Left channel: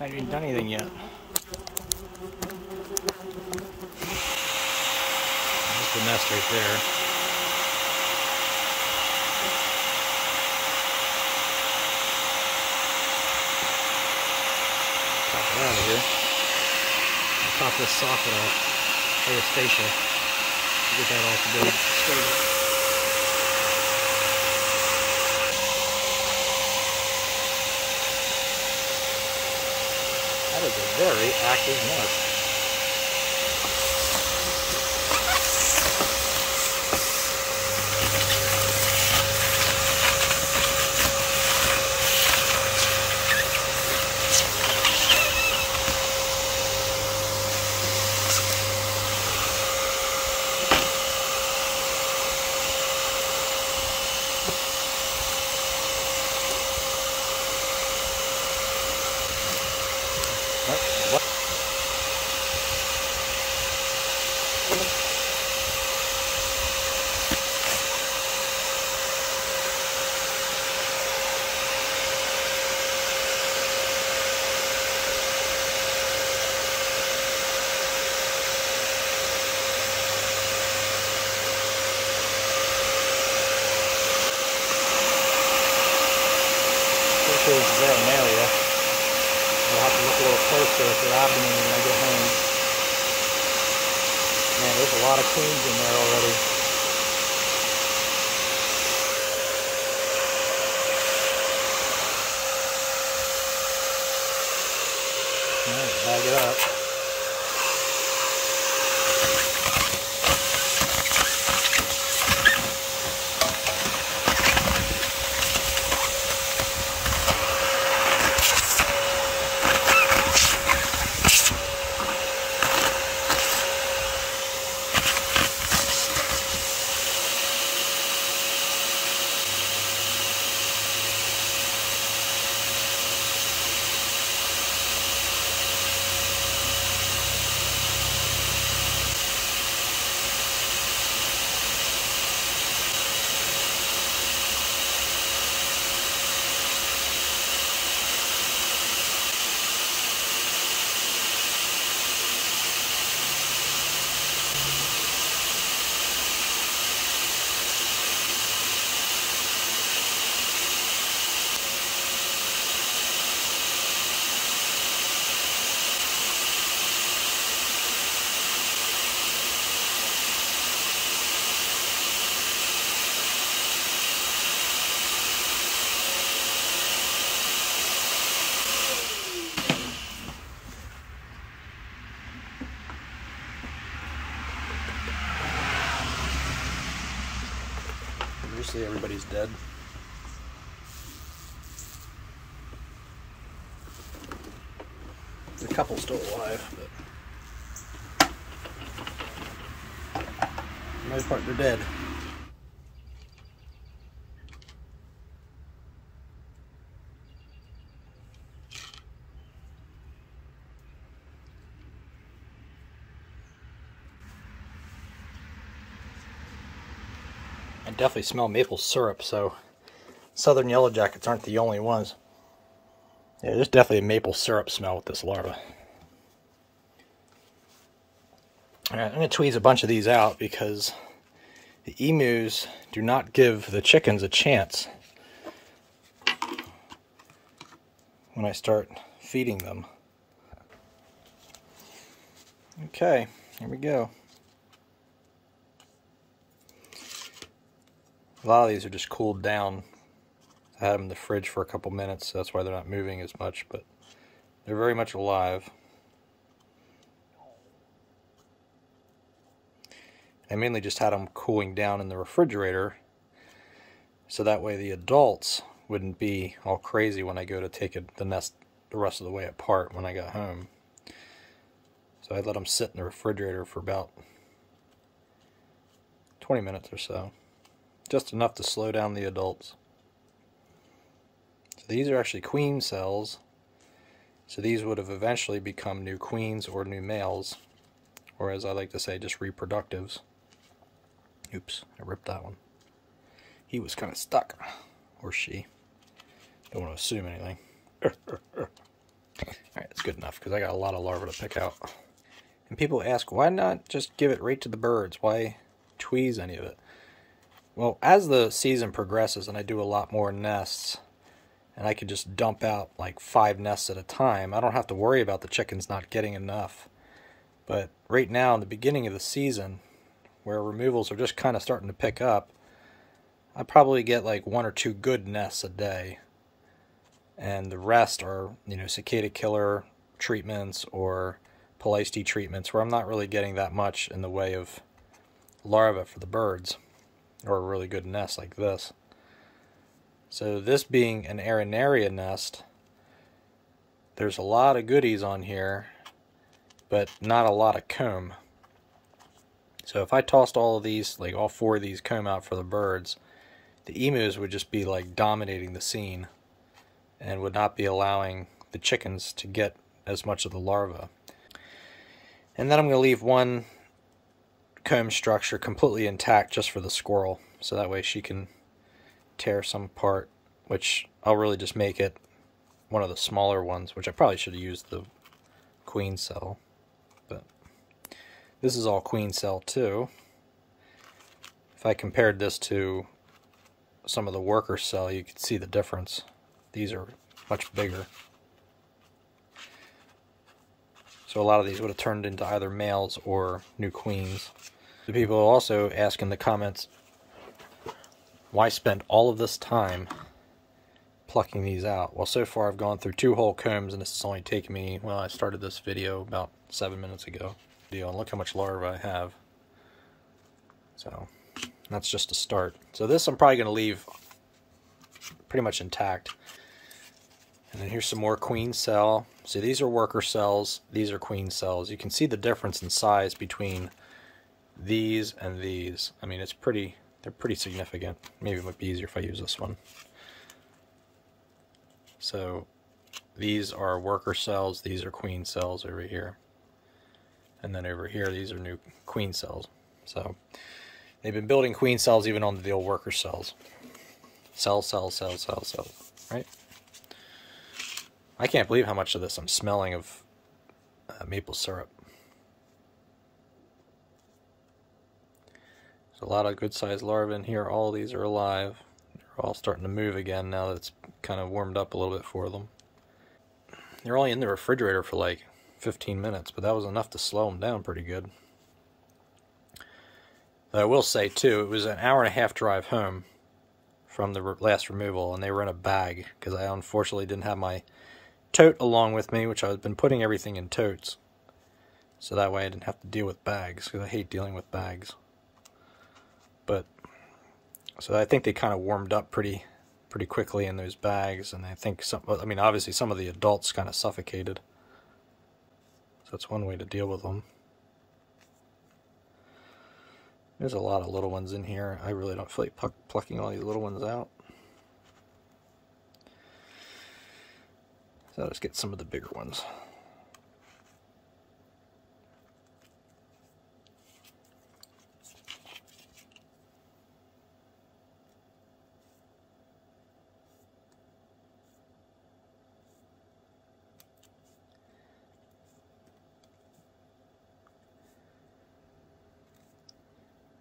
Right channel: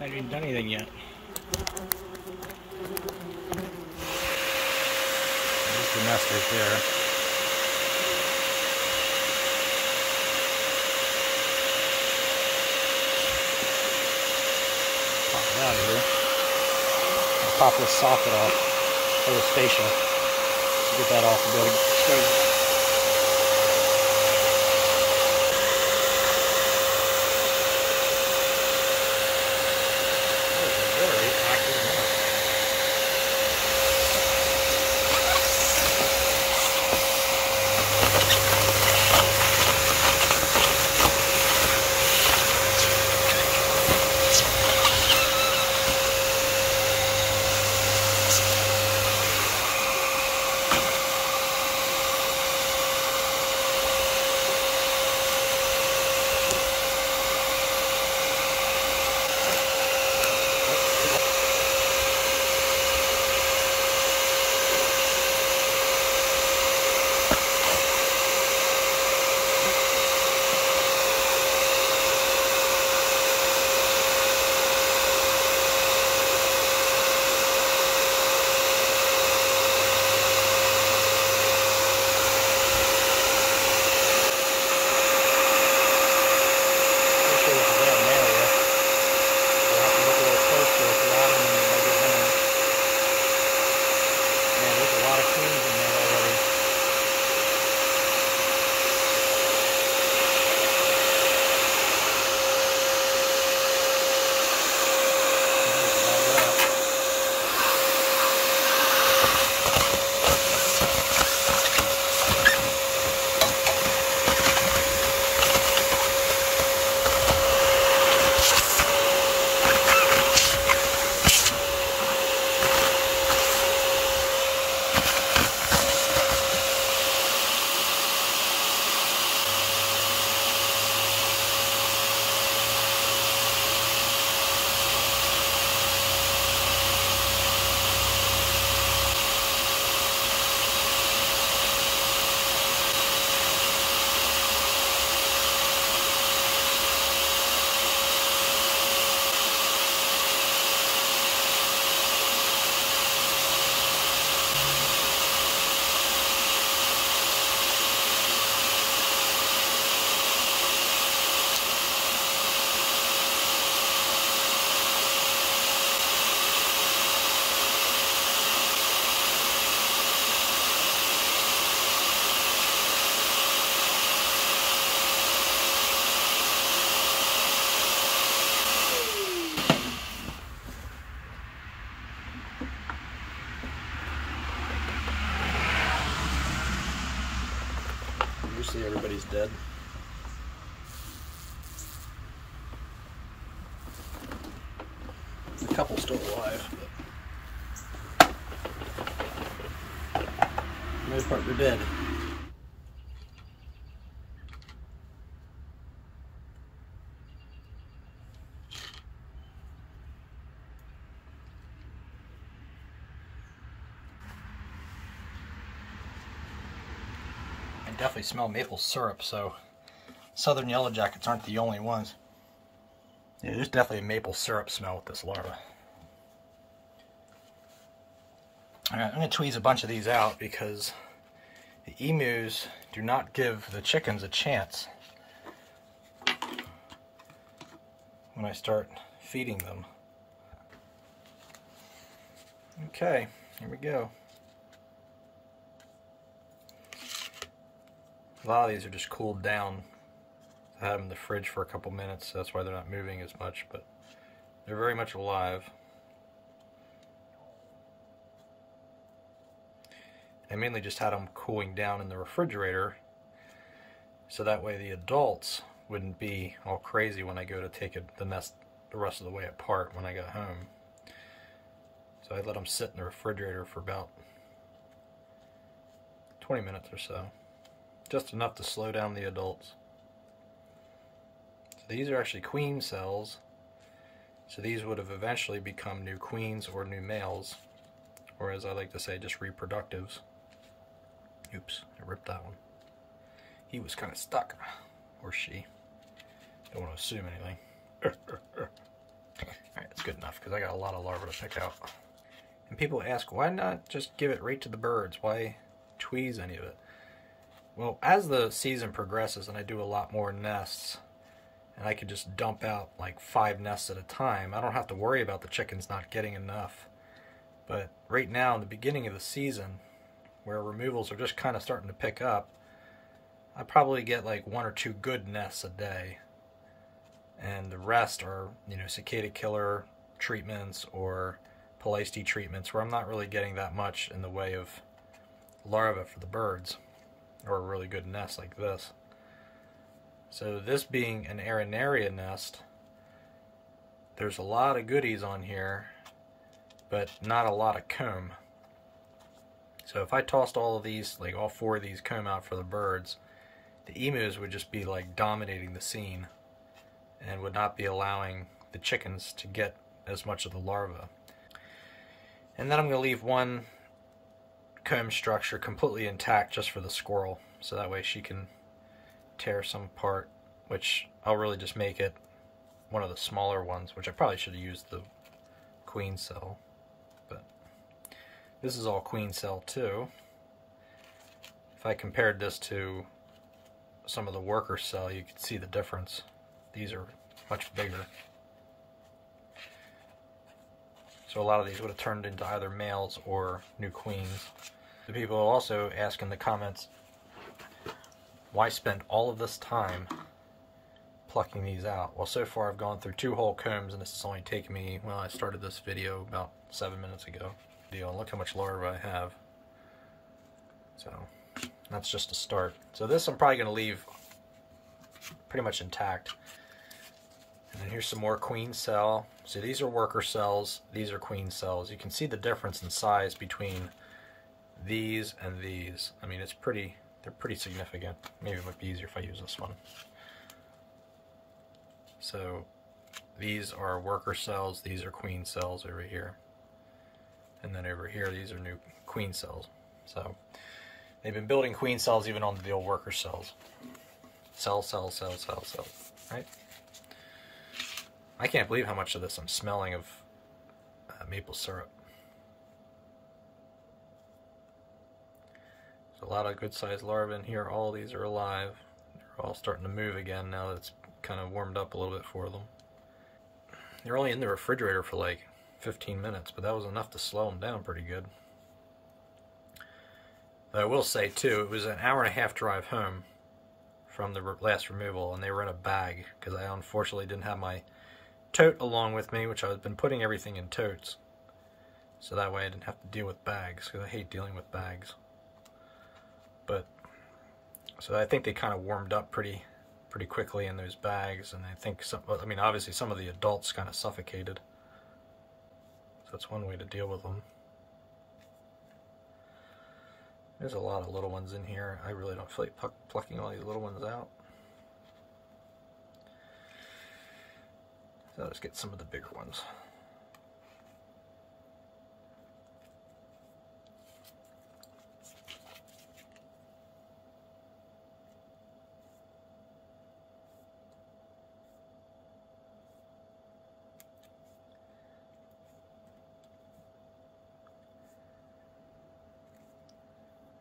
I haven't even done anything yet. Just the nest right there. Pop it out of here. I'll pop this socket off, or this fascia, to get that off and be able to expose it. That is a very active nest. This is the arenaria. We'll have to look a little closer at their abdomen when we get home. Man, there's a lot of queens in there already. Let's bag it up. Usually everybody's dead. A couple still alive, but for the most part they're dead. I definitely smell maple syrup, so southern yellow jackets aren't the only ones. Yeah, there's definitely a maple syrup smell with this larva. Alright, I'm going to tweeze a bunch of these out because the emus do not give the chickens a chance when I start feeding them. Okay, here we go. A lot of these are just cooled down. I had them in the fridge for a couple minutes, so that's why they're not moving as much, but they're very much alive. I mainly just had them cooling down in the refrigerator, so that way the adults wouldn't be all crazy when I go to take the nest the rest of the way apart when I got home. So I let them sit in the refrigerator for about 20 minutes or so. Just enough to slow down the adults. So these are actually queen cells. So these would have eventually become new queens or new males. Or as I like to say, just reproductives. Oops, I ripped that one. He was kind of stuck. Or she. Don't want to assume anything. Alright, let's It's good enough because I got a lot of larvae to pick out. And people ask, why not just give it right to the birds? Why tweeze any of it? Well, as the season progresses and I do a lot more nests, and I can just dump out like 5 nests at a time, I don't have to worry about the chickens not getting enough. But right now, in the beginning of the season, where removals are just kind of starting to pick up, I probably get like 1 or 2 good nests a day. And the rest are, you know, cicada killer treatments or Polyste treatments where I'm not really getting that much in the way of larvae for the birds, or a really good nest like this. So this being an arenaria nest, there's a lot of goodies on here, but not a lot of comb. So if I tossed all of these, like all 4 of these comb out for the birds, the emus would just be like dominating the scene and would not be allowing the chickens to get as much of the larvae. And then I'm going to leave 1 comb structure completely intact just for the squirrel, so that way she can tear some apart, which I'll really just make it one of the smaller ones, which I probably should have used the queen cell, but this is all queen cell too. If I compared this to some of the worker cell, you can see the difference. These are much bigger. So a lot of these would have turned into either males or new queens. The people also ask in the comments, why spend all of this time plucking these out? Well, so far I've gone through 2 whole combs, and this has only taken me, well, I started this video about 7 minutes ago. And look how much larvae I have. So that's just a start. So this I'm probably going to leave pretty much intact. And then here's some more queen cell. So these are worker cells, these are queen cells. You can see the difference in size between these and these. I mean, they're pretty significant. Maybe it would be easier if I use this one. So these are worker cells, these are queen cells over here. And then over here, these are new queen cells. So they've been building queen cells even on the old worker cells. Cell, right? I can't believe how much of this I'm smelling of maple syrup. There's a lot of good sized larvae in here. All of these are alive. They're all starting to move again now that it's kind of warmed up a little bit for them. They're only in the refrigerator for like 15 minutes, but that was enough to slow them down pretty good. But I will say too, it was an hour and a half drive home from the last removal, and they were in a bag because I unfortunately didn't have my tote along with me, which I've been putting everything in totes, so that way I didn't have to deal with bags, because I hate dealing with bags. But so I think they kind of warmed up pretty quickly in those bags, and I think I mean obviously some of the adults kind of suffocated, so it's one way to deal with them. There's a lot of little ones in here. I really don't feel like plucking all these little ones out. So let's get some of the bigger ones.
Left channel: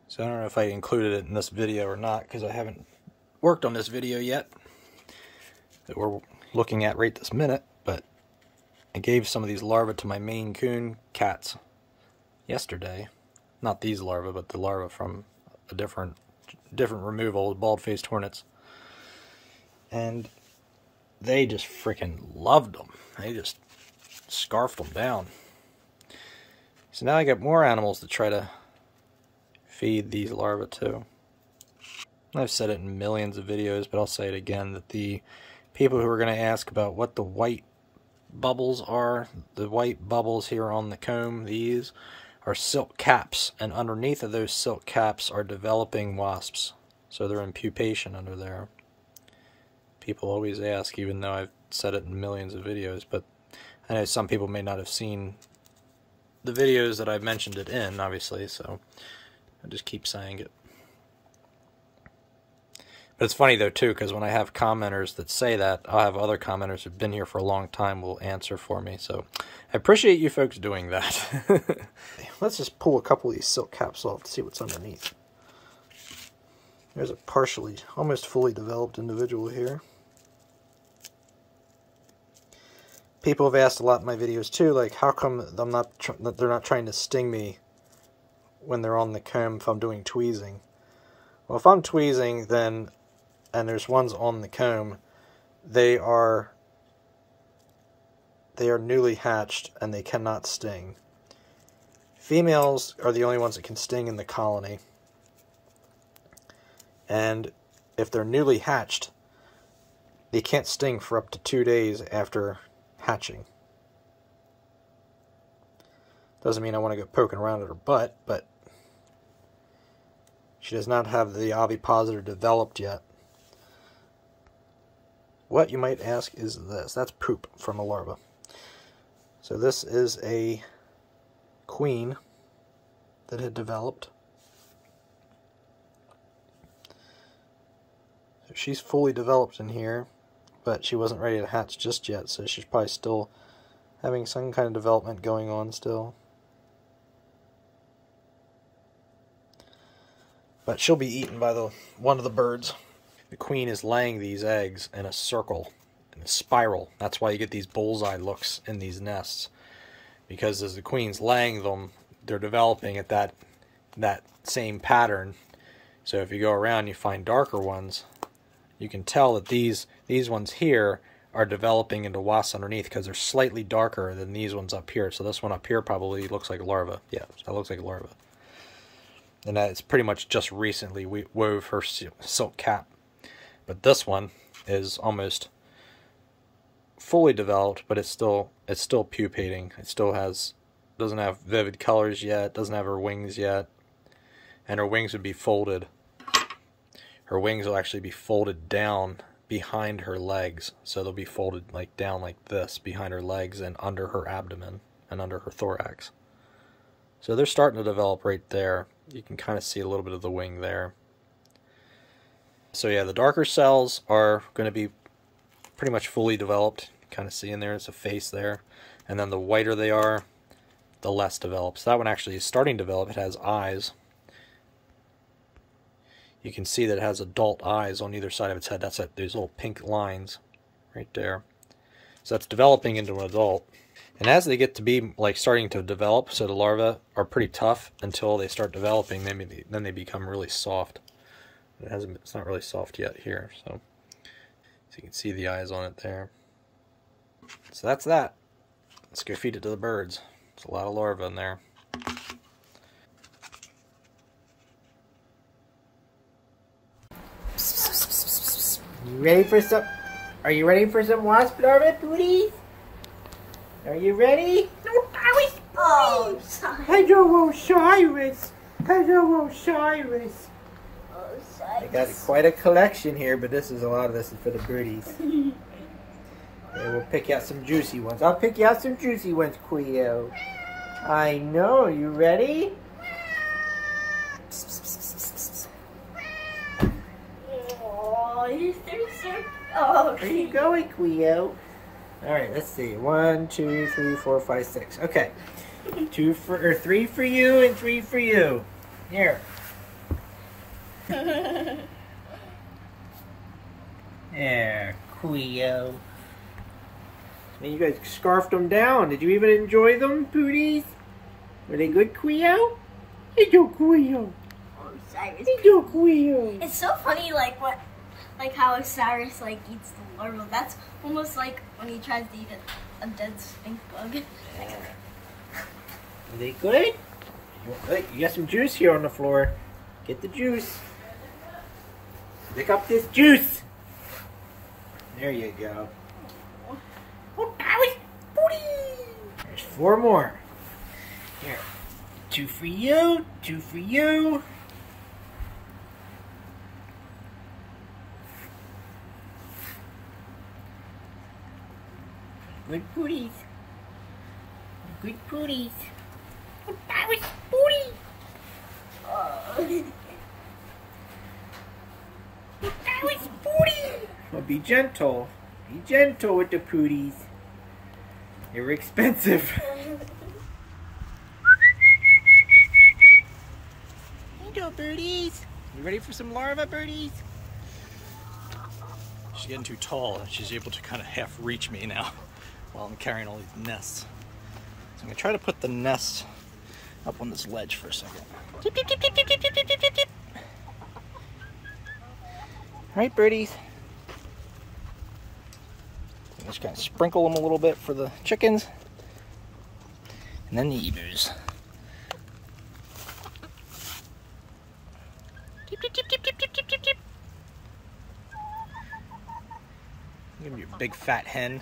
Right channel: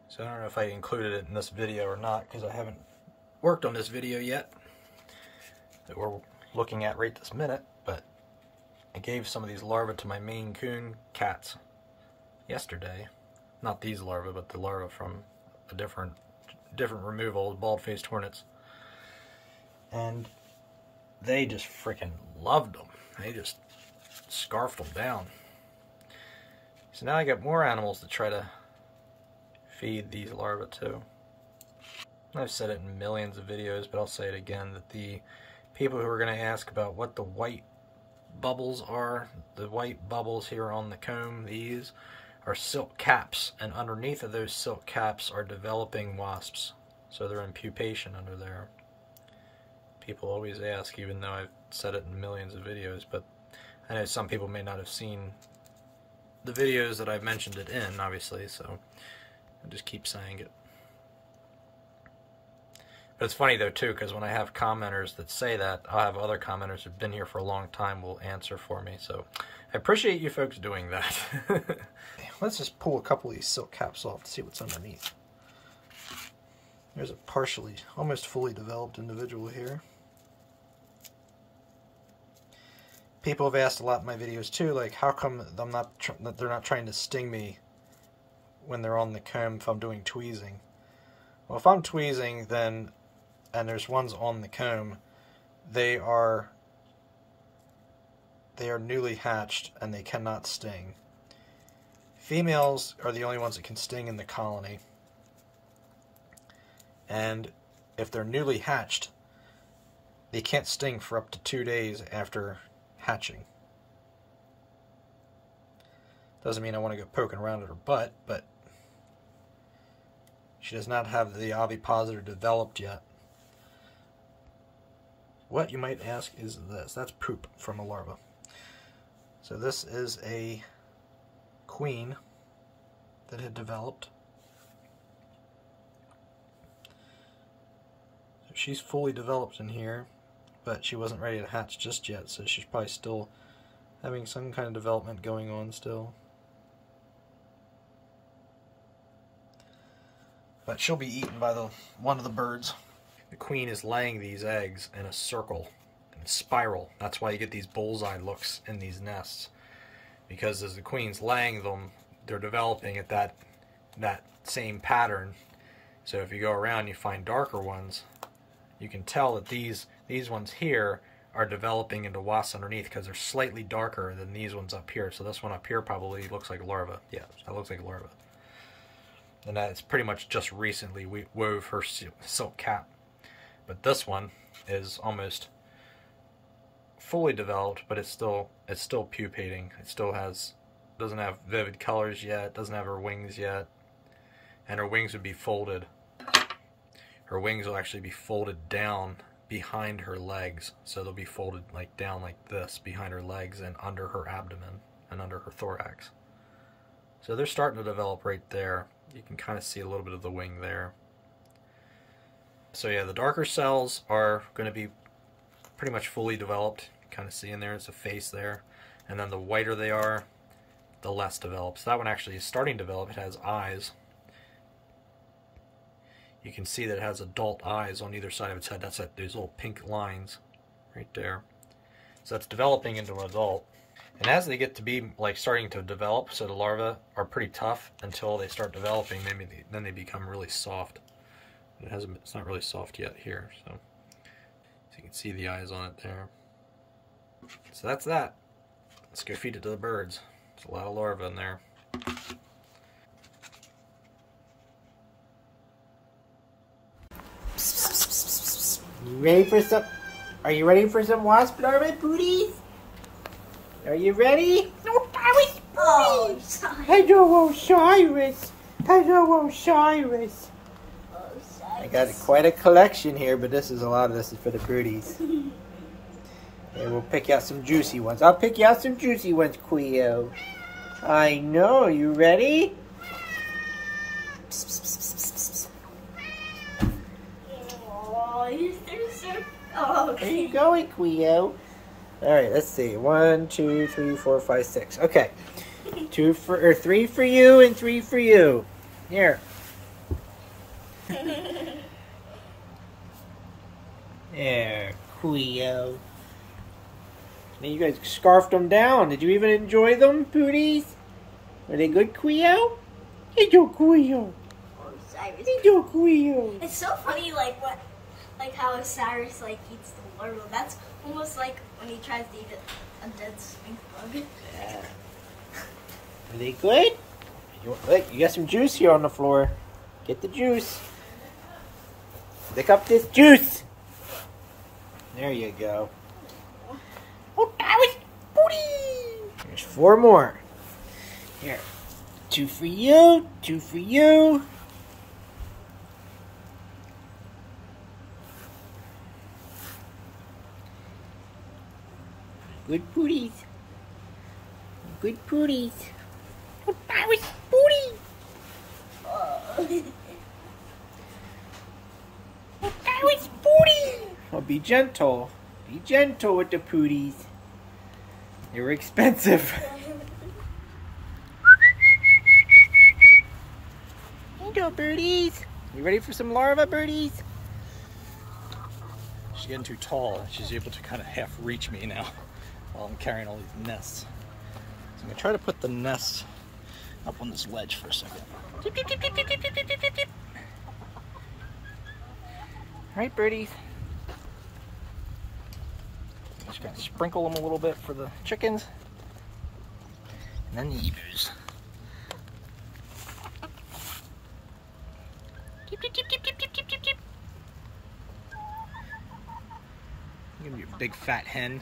So I don't know if I included it in this video or not, because I haven't worked on this video yet that we're looking at right this minute, but I gave some of these larvae to my Maine Coon cats yesterday. Not these larvae, but the larvae from a different removal, bald-faced hornets. And they just freaking loved them. They just scarfed them down. So now I got more animals to try to feed these larvae to. I've said it in millions of videos, but I'll say it again, that the people who are going to ask about what the white bubbles are, the white bubbles here on the comb, these are silk caps, and underneath of those silk caps are developing wasps. So they're in pupation under there. People always ask, even though I've said it in millions of videos, but I know some people may not have seen the videos that I've mentioned it in, obviously, so I just keep saying it. But it's funny though too, because when I have commenters that say that, I'll have other commenters who've been here for a long time will answer for me. So I appreciate you folks doing that. Let's just pull a couple of these silk caps off to see what's underneath. There's a partially, almost fully developed individual here. People have asked a lot in my videos too, like how come they're not trying to sting me when they're on the comb if I'm doing tweezing. Well, if I'm tweezing, then, and there's ones on the comb, they are newly hatched and they cannot sting. Females are the only ones that can sting in the colony. And if they're newly hatched, they can't sting for up to 2 days after hatching. Doesn't mean I want to go poking around at her butt, but she does not have the ovipositor developed yet. What, you might ask, is this? That's poop from a larva. So this is a queen that had developed. So she's fully developed in here, but she wasn't ready to hatch just yet, so she's probably still having some kind of development going on still. But she'll be eaten by one of the birds. The queen is laying these eggs in a circle, in a spiral. That's why you get these bullseye looks in these nests. Because as the queen's laying them, they're developing at that same pattern. So if you go around and you find darker ones, you can tell that these ones here are developing into wasps underneath because they're slightly darker than these ones up here. So this one up here probably looks like a larva. Yeah, that looks like a larva. And that's pretty much just recently we wove her silk cap. But this one is almost fully developed, but it's still pupating. It still doesn't have vivid colors yet, doesn't have her wings yet. And her wings would be folded. Her wings will actually be folded down behind her legs. So they'll be folded like down like this behind her legs and under her abdomen and under her thorax. So they're starting to develop right there. You can kind of see a little bit of the wing there. So yeah, the darker cells are going to be pretty much fully developed. Kind of see in there, it's a face there. And then the whiter they are, the less developed. So that one actually is starting to develop. It has eyes. You can see that it has adult eyes on either side of its head. That's like those little pink lines right there. So that's developing into an adult. And as they get to be like starting to develop, so the larvae are pretty tough until they start developing, then they become really soft. It's not really soft yet here, so you can see the eyes on it there. So that's that. Let's go feed it to the birds. There's a lot of larvae in there. You ready for some? Are you ready for some wasp larvae, booties? Are you ready? No, that was booties. Oh, hello, Osiris. Hello, Osiris. I got quite a collection here, but a lot of this is for the birdies. And we'll pick out some juicy ones. I'll pick you out some juicy ones, Quio. I know. You ready? Oh, where are you going, Quio? All right, let's see. 1, 2, 3, 4, 5, 6. Okay. 3 for you and 3 for you. Here. There, Quio. And you guys scarfed them down. Did you even enjoy them, Pooties? Were they good, Quio? Hello, Quio. Hello, Quio. It's so funny, like how Osiris eats the larva. That's almost like when he tries to eat a dead stink bug. Yeah. Are they good? Look, you got some juice here on the floor. Get the juice. Lick up this juice. There you go. Oh, that was booty. There's 4 more. Here. 2 for you. 2 for you. Good booties. Good booties. Oh, that was booty. Oh, that was Be gentle. Be gentle with the pooties. They were expensive. Here you go, birdies. You ready for some larva, birdies? She's getting too tall and she's able to kind of half reach me now while I'm carrying all these nests. So I'm gonna try to put the nests up on this ledge for a second. Right, birdies. Just kind of sprinkle them a little bit for the chickens. And then the eaters. Give me your big fat hen.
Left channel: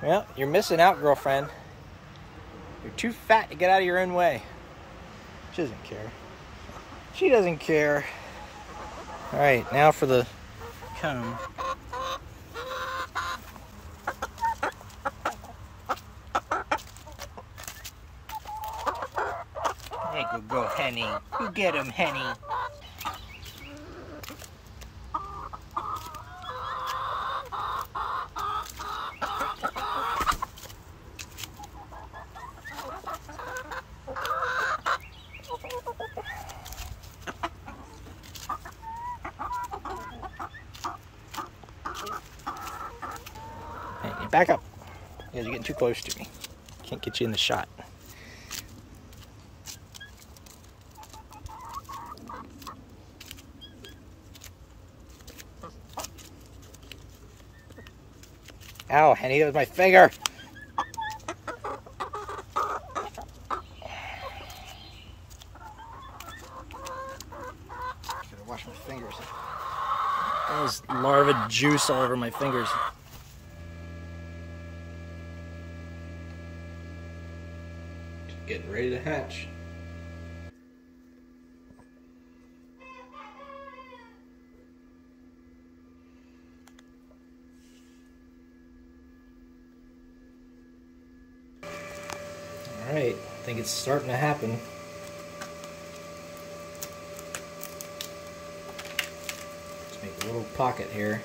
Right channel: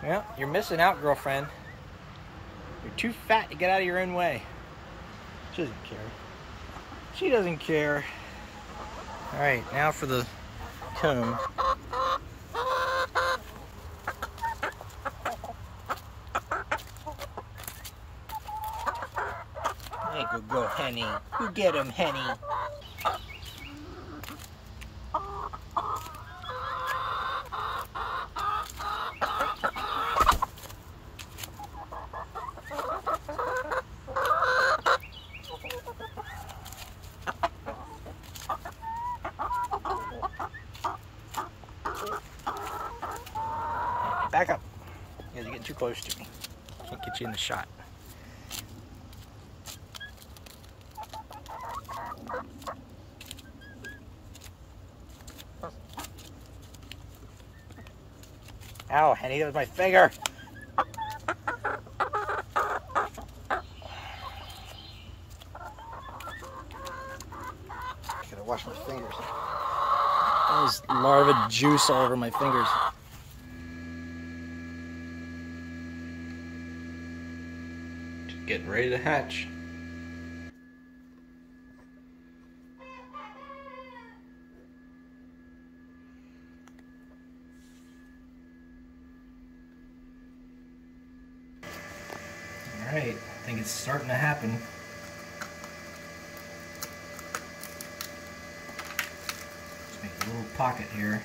Well, you're missing out, girlfriend. You're too fat to get out of your own way. She doesn't care. She doesn't care. All right, now for the comb. There you go, Henny. You get him, Henny. Back up. You guys are getting too close to me. Can't get you in the shot. Ow, Henny, that was my finger. Gotta wash my fingers. That was larva juice all over my fingers. Getting ready to hatch. All right, I think it's starting to happen. Let's make a little pocket here.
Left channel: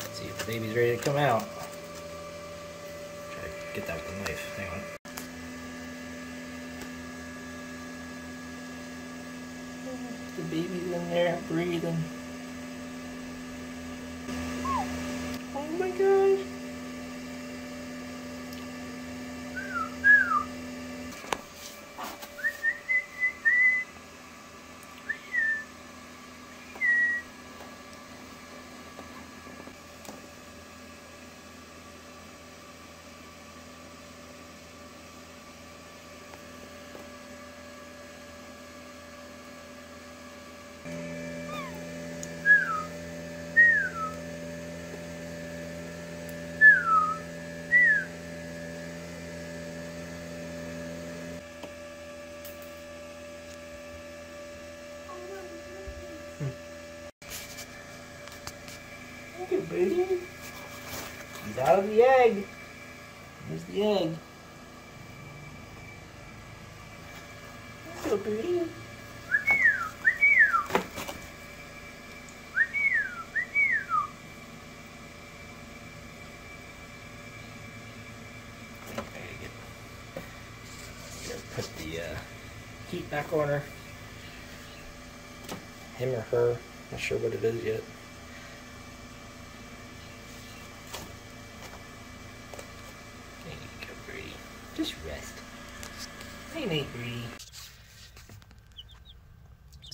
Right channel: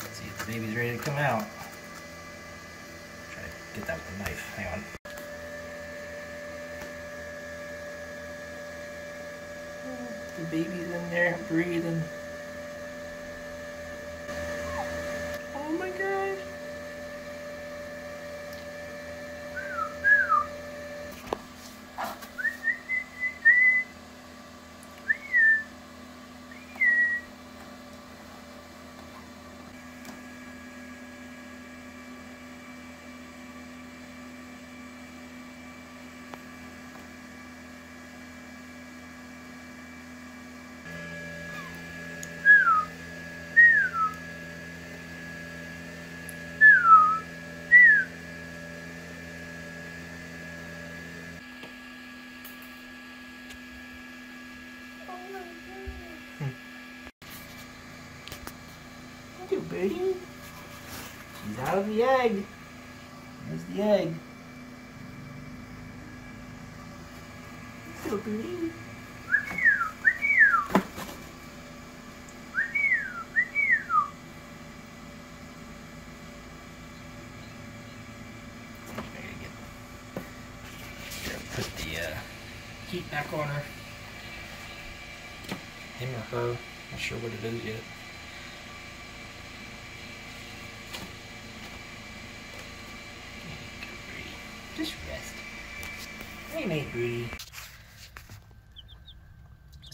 Let's see if the baby's ready to come out. Get that with the knife. Hang on. The baby's in there breathing. Oh my gosh. Look at baby. He's out of the egg. There's the egg. Look at baby. Put the heat back on her. Him or her. Not sure what it is yet. There you go, Brady. Just rest. Hey, mate, Brady.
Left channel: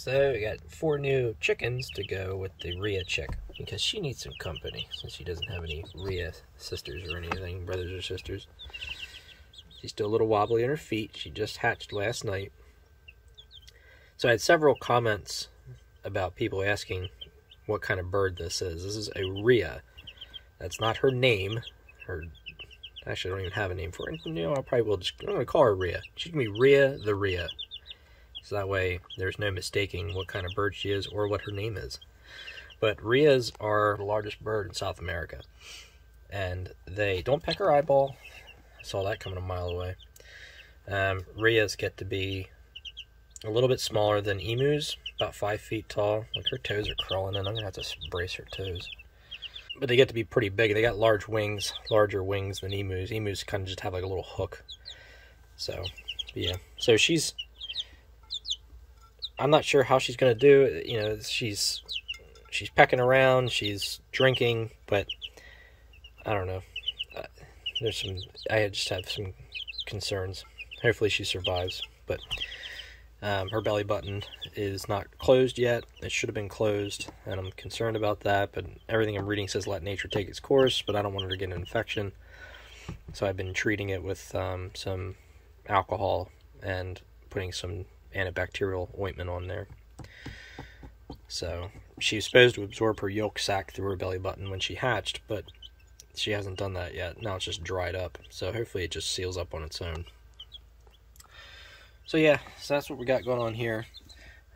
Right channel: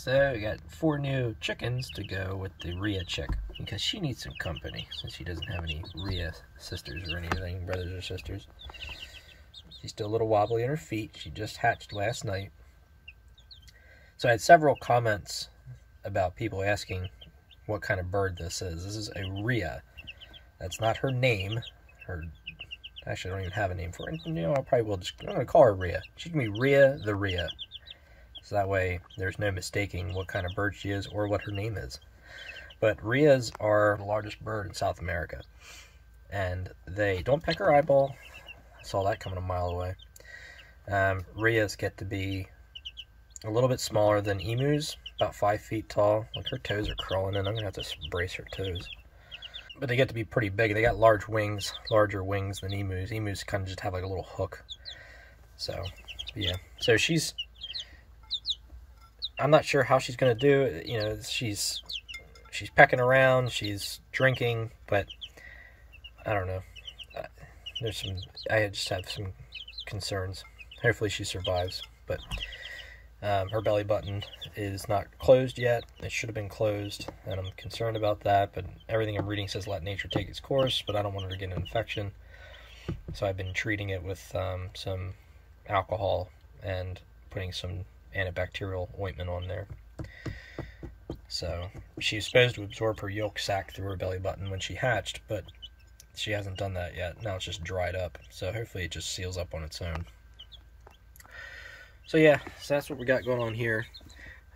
So we got 4 new chickens to go with the Rhea chick, because she needs some company, since she doesn't have any Rhea sisters or anything, brothers or sisters. She's still a little wobbly on her feet. She just hatched last night. So I had several comments about people asking what kind of bird this is. This is a Rhea. That's not her name. Actually, I don't even have a name for it. You know, I probably will I'm going to call her Rhea. She can be Rhea-the-Rhea. So that way, there's no mistaking what kind of bird she is or what her name is. But Rheas are the largest bird in South America. And they don't peck her eyeball. I saw that coming a mile away. Rheas get to be a little bit smaller than emus, about 5 feet tall. Like, her toes are crawling in. I'm going to have to brace her toes. But they get to be pretty big. They got large wings, larger wings than emus. Emus kind of just have like a little hook. So, yeah. So I'm not sure how she's going to do. You know, she's pecking around, she's drinking, but I don't know. I just have some concerns. Hopefully she survives, but her belly button is not closed yet. It should have been closed, and I'm concerned about that, but everything I'm reading says let nature take its course, but I don't want her to get an infection. So I've been treating it with some alcohol and putting some antibacterial ointment on there. So she's supposed to absorb her yolk sac through her belly button when she hatched, but she hasn't done that yet. Now it's just dried up, so hopefully it just seals up on its own. So yeah, so that's what we got going on here.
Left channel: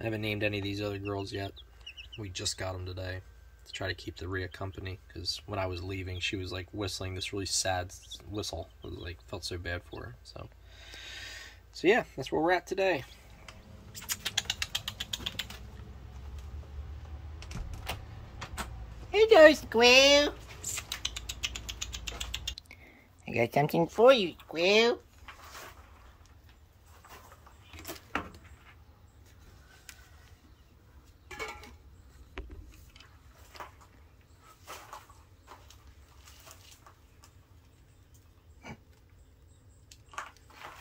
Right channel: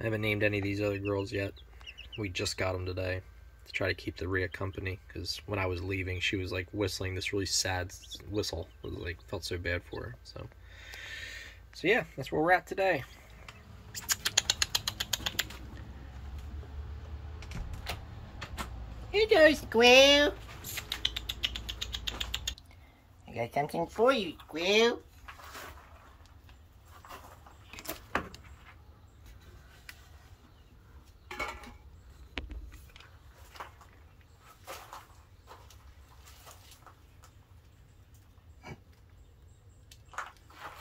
I haven't named any of these other girls yet. We just got them today to try to keep the Rhea company, because when I was leaving, she was like whistling this really sad whistle. It was like, felt so bad for her. So yeah, that's where we're at today. Hello, Squirrel. I got something for you, Squirrel.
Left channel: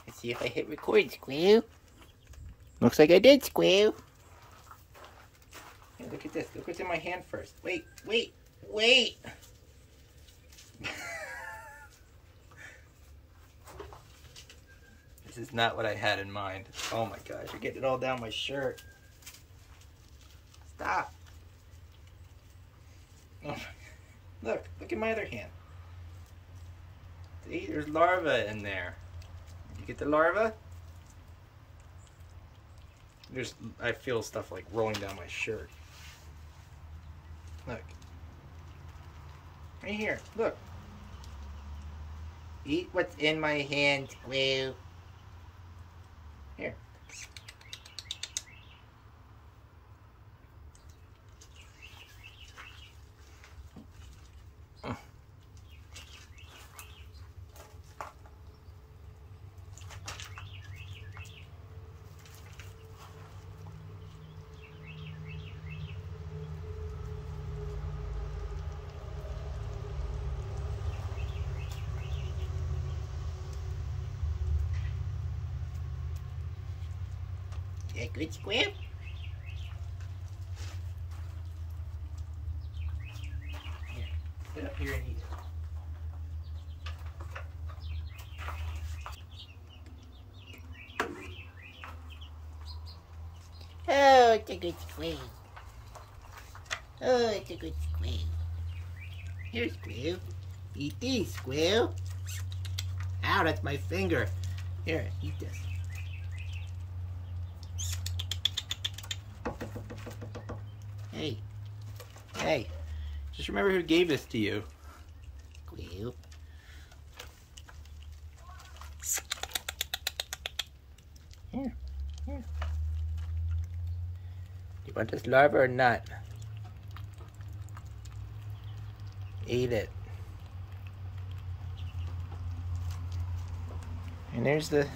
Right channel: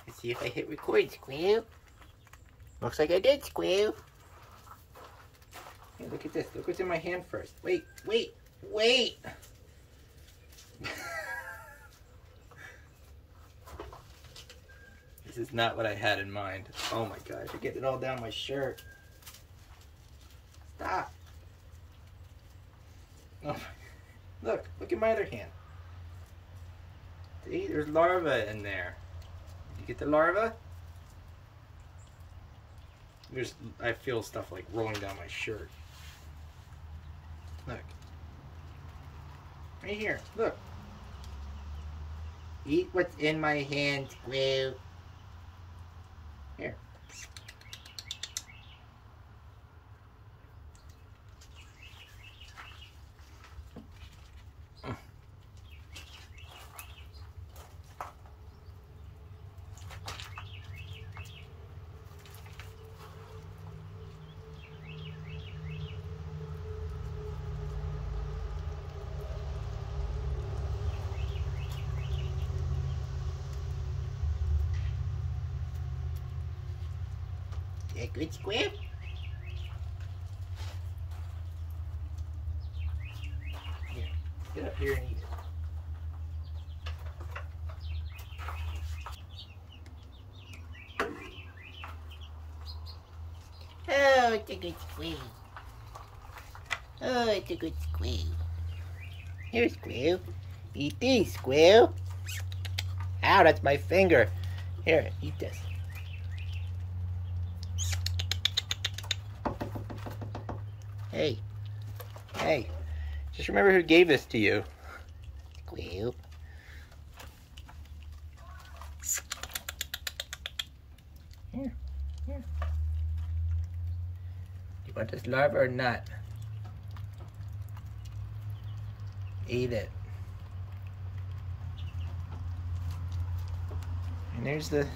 Let's see if I hit record, Squirrel. Looks like I did, Squirrel. Hey, look at this. Look what's in my hand first. Wait. This is not what I had in mind. Oh my gosh, you're getting it all down my shirt. Stop. Oh, look at my other hand. See, there's larvae in there. You get the larva? I feel stuff like rolling down my shirt. Look. Right here. Look. Eat what's in my hand, Squirrel. Here. Yeah, good, Squirrel. Here, sit up here and eat it. Oh, it's a good squirrel. Oh, it's a good squirrel. Here, Squirrel. Eat these, Squirrel. Ow, that's my finger. Here, eat this. Hey, just remember who gave this to you. Squirrel. You want this larva or not? Eat it. And there's the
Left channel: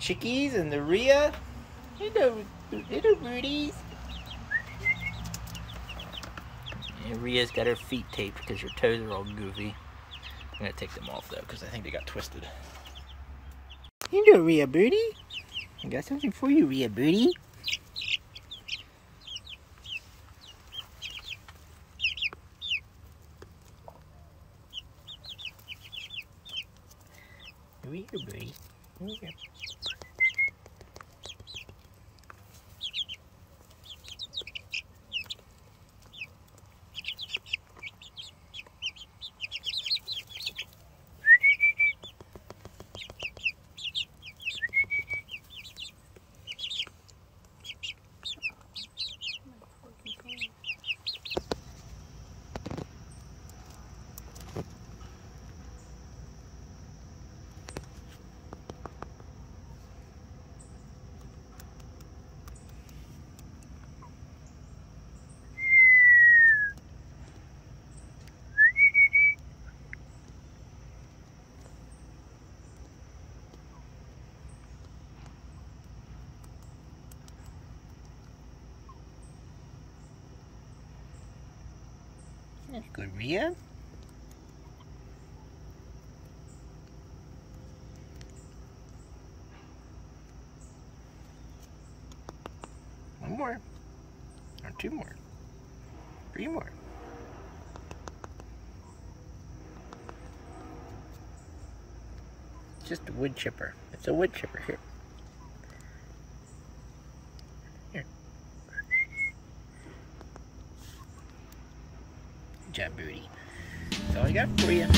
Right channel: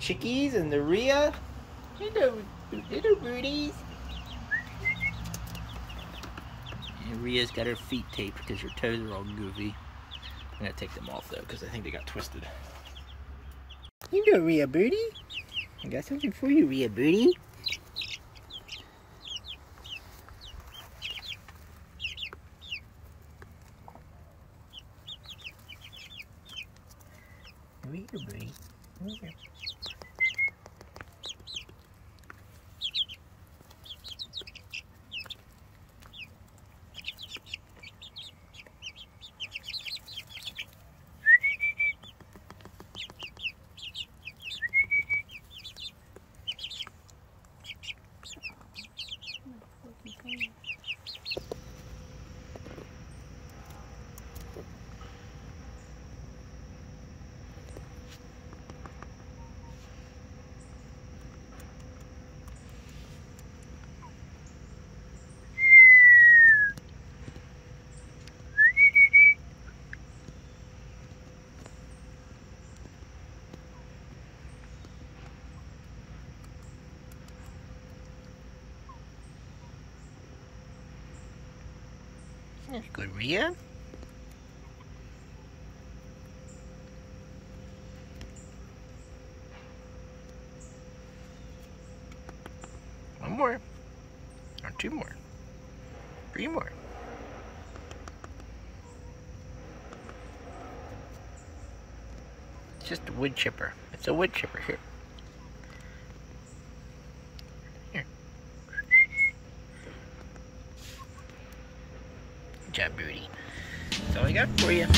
chickies and the Rhea. Little Rudies. And Rhea's got her feet taped because her toes are all goofy. I'm gonna take them off though because I think they got twisted. Hello, Rhea Birdie. I got something for you, Rhea Birdie. Over here, buddy. Over here. That's good, Rhea. One more. Or two more. Three more. It's just a wood chipper. It's a wood chipper. Here. Here. Good job, Booty. That's all I got for you.